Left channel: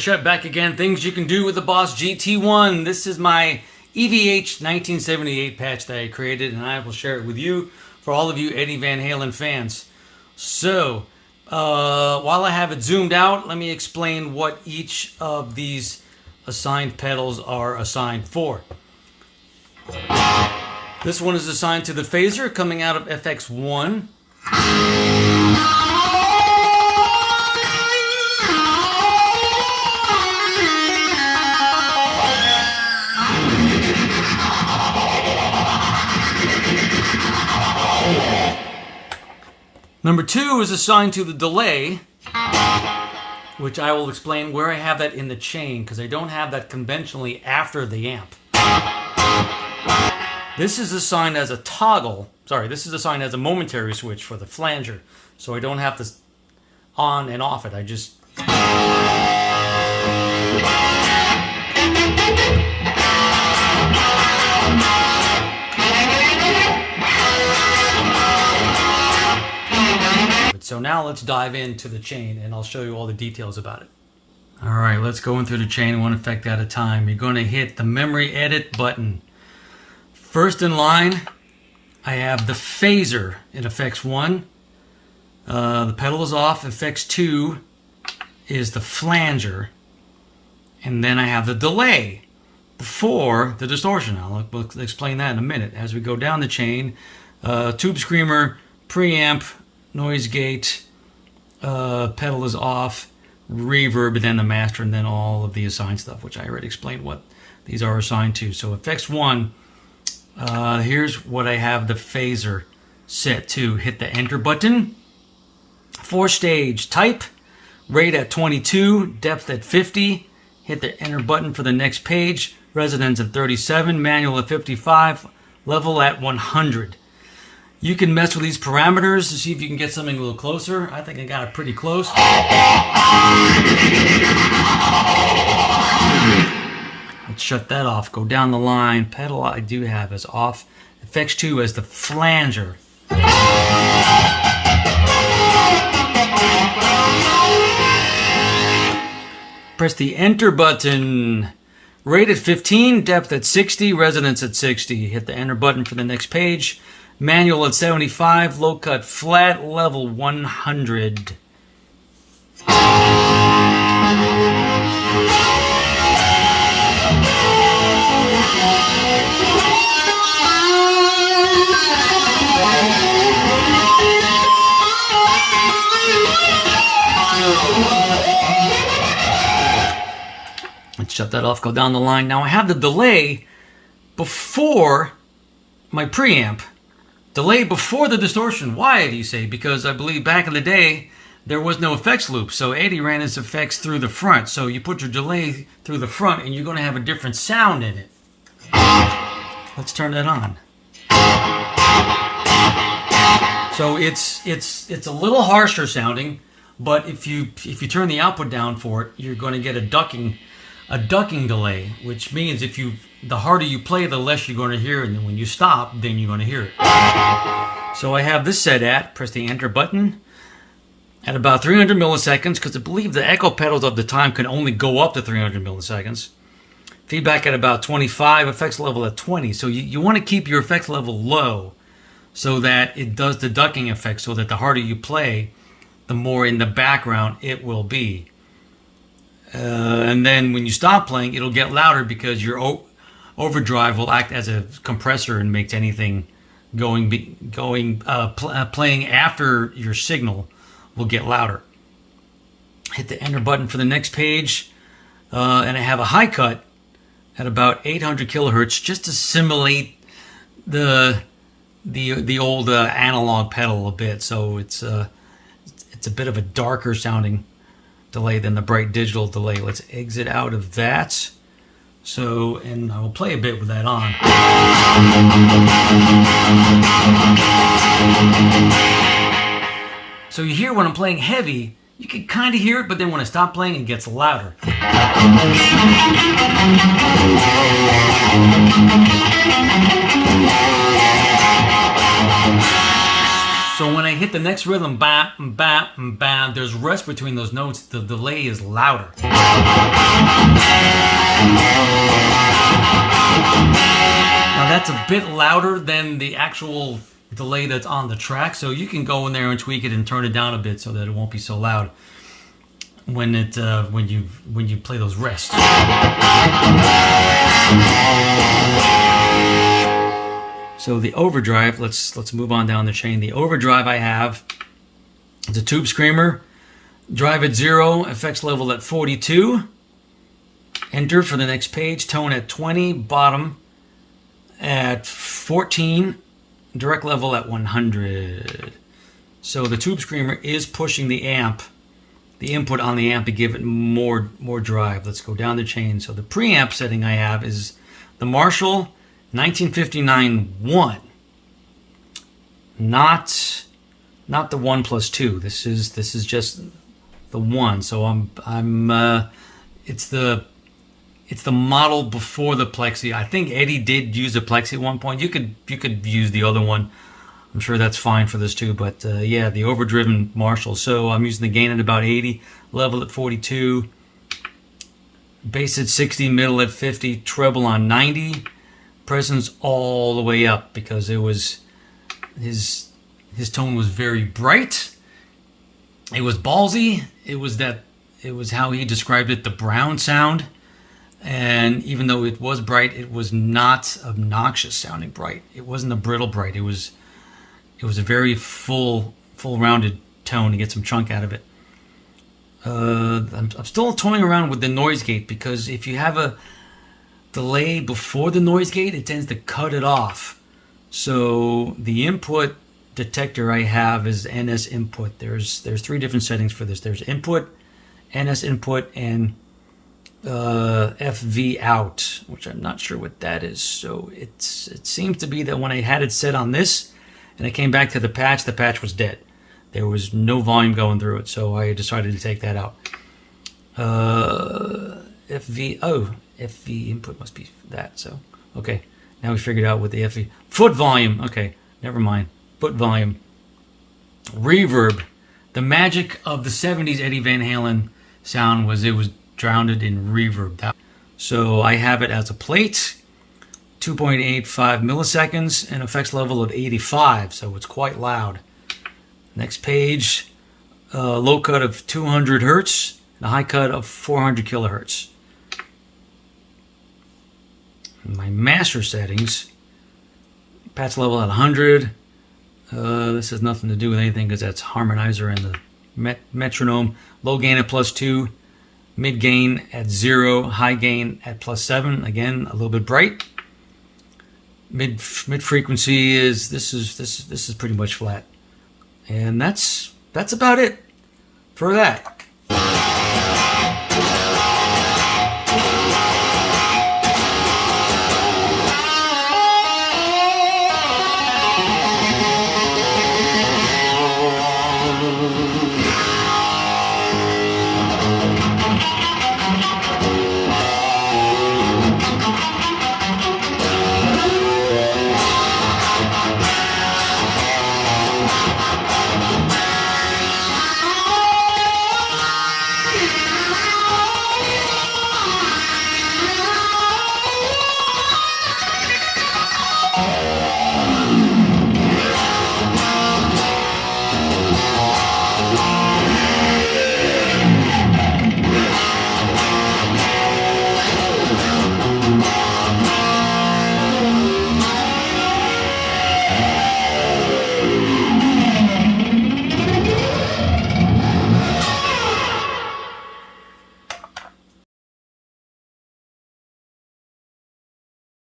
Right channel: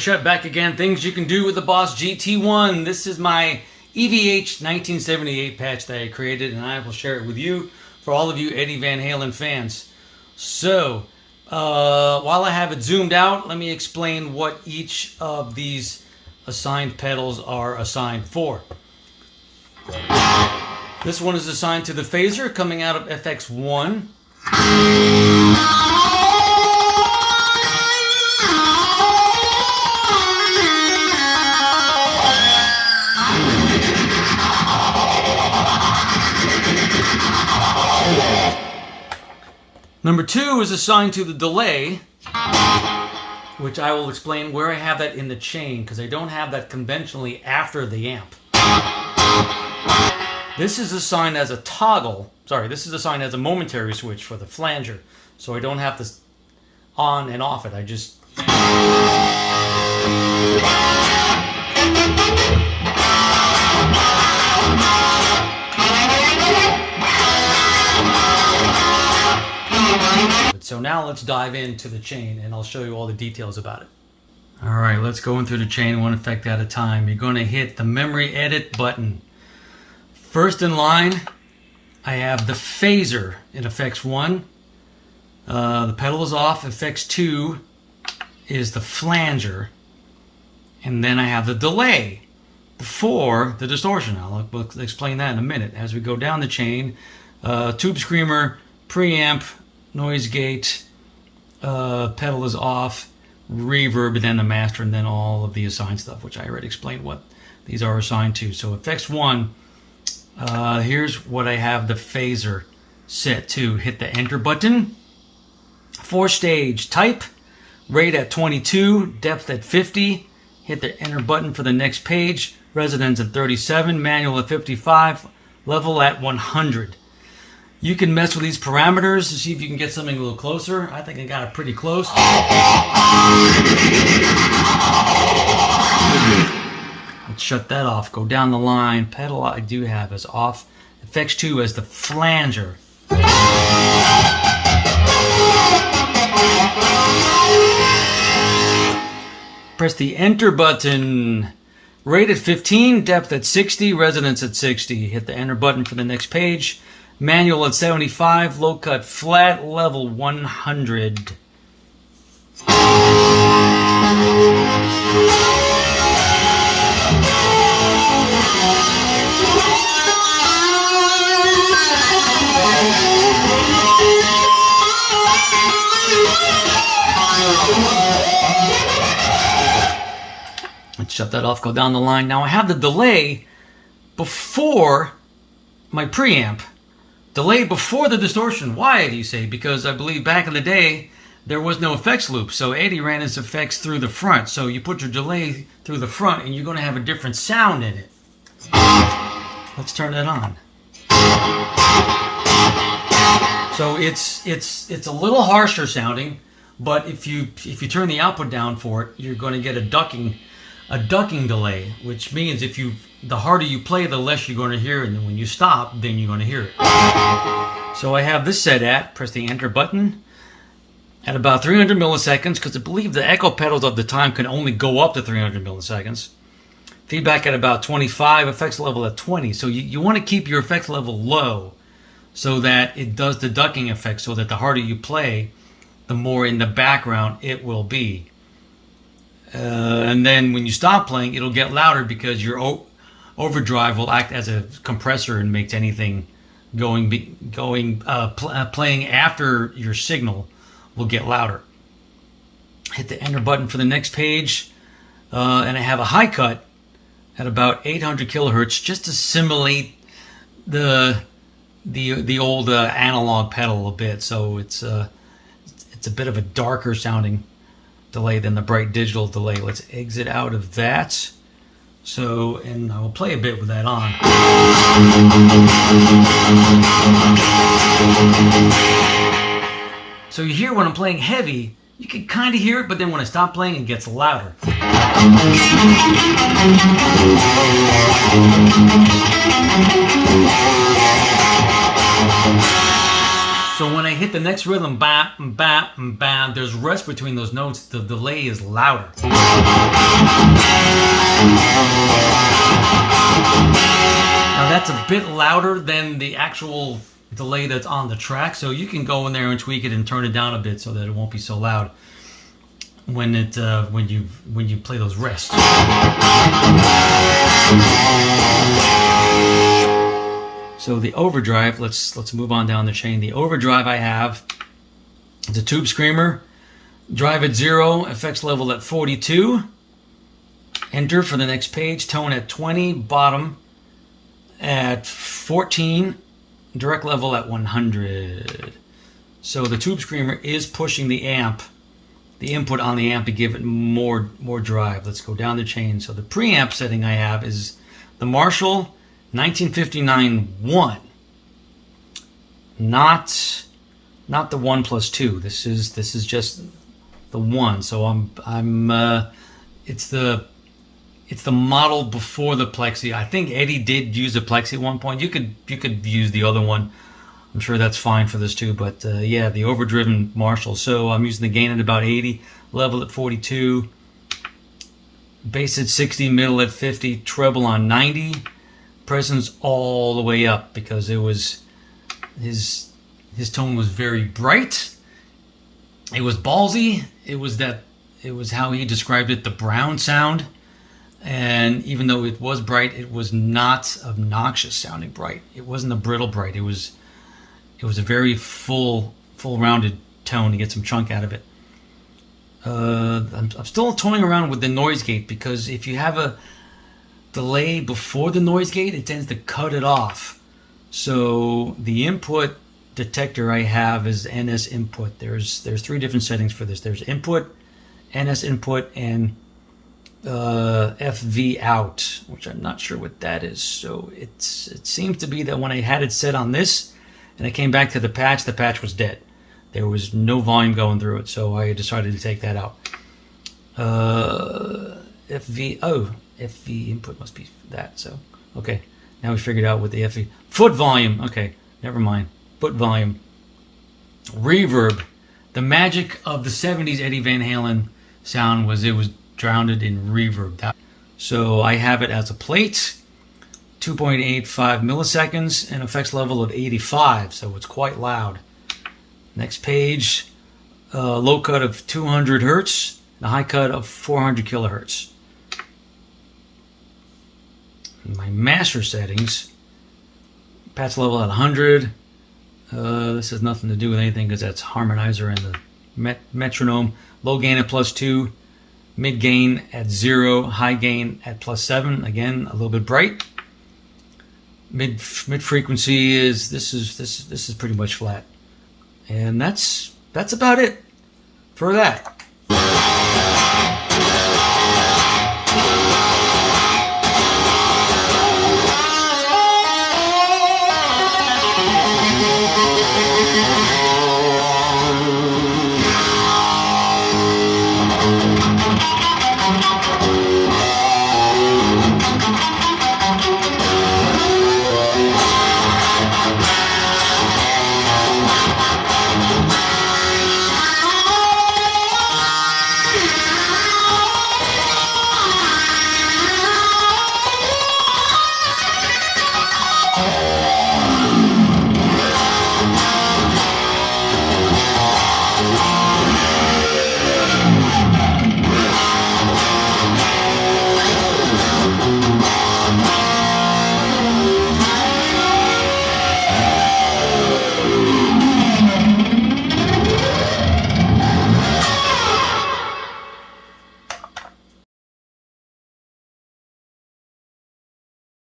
Shut back again. Things you can do with the Boss GT-1. This is my EVH 1978 patch that I created, and I will share it with you for all of you Eddie Van Halen fans. So, while I have it zoomed out, let me explain what each of these assigned pedals are assigned for. This one is assigned to the phaser coming out of FX1. Number 2 is assigned to the delay, which I will explain where I have that in the chain, because I don't have that conventionally after the amp. This is assigned as a toggle, this is assigned as a momentary switch for the flanger, so I don't have to on and off it, I just... So now let's dive into the chain and I'll show you all the details about it. Alright, let's go into the chain one effect at a time. You're going to hit the memory edit button. First in line, I have the phaser in FX1. The pedal is off. FX2 is the flanger. And then I have the delay before the distortion. We'll explain that in a minute. As we go down the chain, tube screamer, preamp, noise gate, pedal is off, reverb, and then the master, and then all of the assigned stuff, which I already explained what these are assigned to. So FX1, here's what I have the phaser set to. Hit the enter button. 4-stage type, rate at 22, depth at 50. Hit the enter button for the next page. Resonance at 37, manual at 55, level at 100. You can mess with these parameters to see if you can get something a little closer. I think I got it pretty close. Let's shut that off. Go down the line. Pedal I do have is off. FX2 as the flanger. Press the enter button. Rate at 15, depth at 60, resonance at 60. Hit the enter button for the next page. Manual at 75, low cut flat, level 100. Let's shut that off, go down the line. Now I have the delay before my preamp. Delay before the distortion. Why, do you say? Because I believe back in the day, there was no effects loop. So Eddie ran his effects through the front. So you put your delay through the front and you're going to have a different sound in it. Let's turn that on. So it's a little harsher sounding, but if you turn the output down for it, you're going to get a ducking delay, which means the harder you play, the less you're going to hear, and then when you stop, then you're going to hear it. So I have this set at, press the enter button, at about 300 milliseconds, because I believe the echo pedals of the time can only go up to 300 milliseconds. Feedback at about 25, effects level at 20. So you want to keep your effects level low so that it does the ducking effect, so that the harder you play, the more in the background it will be. And then when you stop playing, it'll get louder because your overdrive will act as a compressor and makes anything playing after your signal will get louder. Hit the enter button for the next page, and I have a high cut at about 800 kilohertz just to simulate the old analog pedal a bit. So it's a bit of a darker sounding delay than the bright digital delay. Let's exit out of that. So, and I will play a bit with that on. So you hear when I'm playing heavy, you can kind of hear it, but then when I stop playing, it gets louder. So when I hit the next rhythm, bam, bam, bam, there's rest between those notes. The delay is louder. Now that's a bit louder than the actual delay that's on the track, so you can go in there and tweak it and turn it down a bit so that it won't be so loud when you play those rests. So the overdrive, let's move on down the chain. The overdrive I have is a tube screamer, drive at 0, effects level at 42, enter for the next page, tone at 20, bottom at 14, direct level at 100. So the tube screamer is pushing the amp, the input on the amp, to give it more drive. Let's go down the chain. So the preamp setting I have is the Marshall 1959-1, not the 1+2. This is just the 1. So it's the model before the Plexi. I think Eddie did use a Plexi at one point. You could use the other one. I'm sure that's fine for this too. But yeah, the overdriven Marshall. So I'm using the gain at about 80, level at 42, bass at 60, middle at 50, treble on 90. Presence all the way up because it was his tone was very bright. It was ballsy. It was how he described it, the brown sound. And even though it was bright, it was not obnoxious sounding bright. It wasn't a brittle bright. It was a very full rounded tone to get some chunk out of it. I'm still toying around with the noise gate because if you have a delay before the noise gate, it tends to cut it off. So the input detector I have is NS input. There's 3 different settings for this. There's input, NS input, and FV out, which I'm not sure what that is. So it seems to be that when I had it set on this and I came back to the patch was dead. There was no volume going through it, so I decided to take that out. FV input must be that. So okay, now we figured out what the FV foot volume. Okay, never mind. Foot volume. Reverb. The magic of the 70s Eddie Van Halen sound was it was drowned in reverb. So I have it as a plate, 2.85 milliseconds, and effects level of 85. So it's quite loud. Next page, low cut of 200 hertz, the high cut of 400 kilohertz. My master settings, patch level at 100. This has nothing to do with anything because that's harmonizer and the metronome. Low gain at +2, mid gain at 0, high gain at +7. Again, a little bit bright. Mid frequency is this is pretty much flat, and that's about it for that.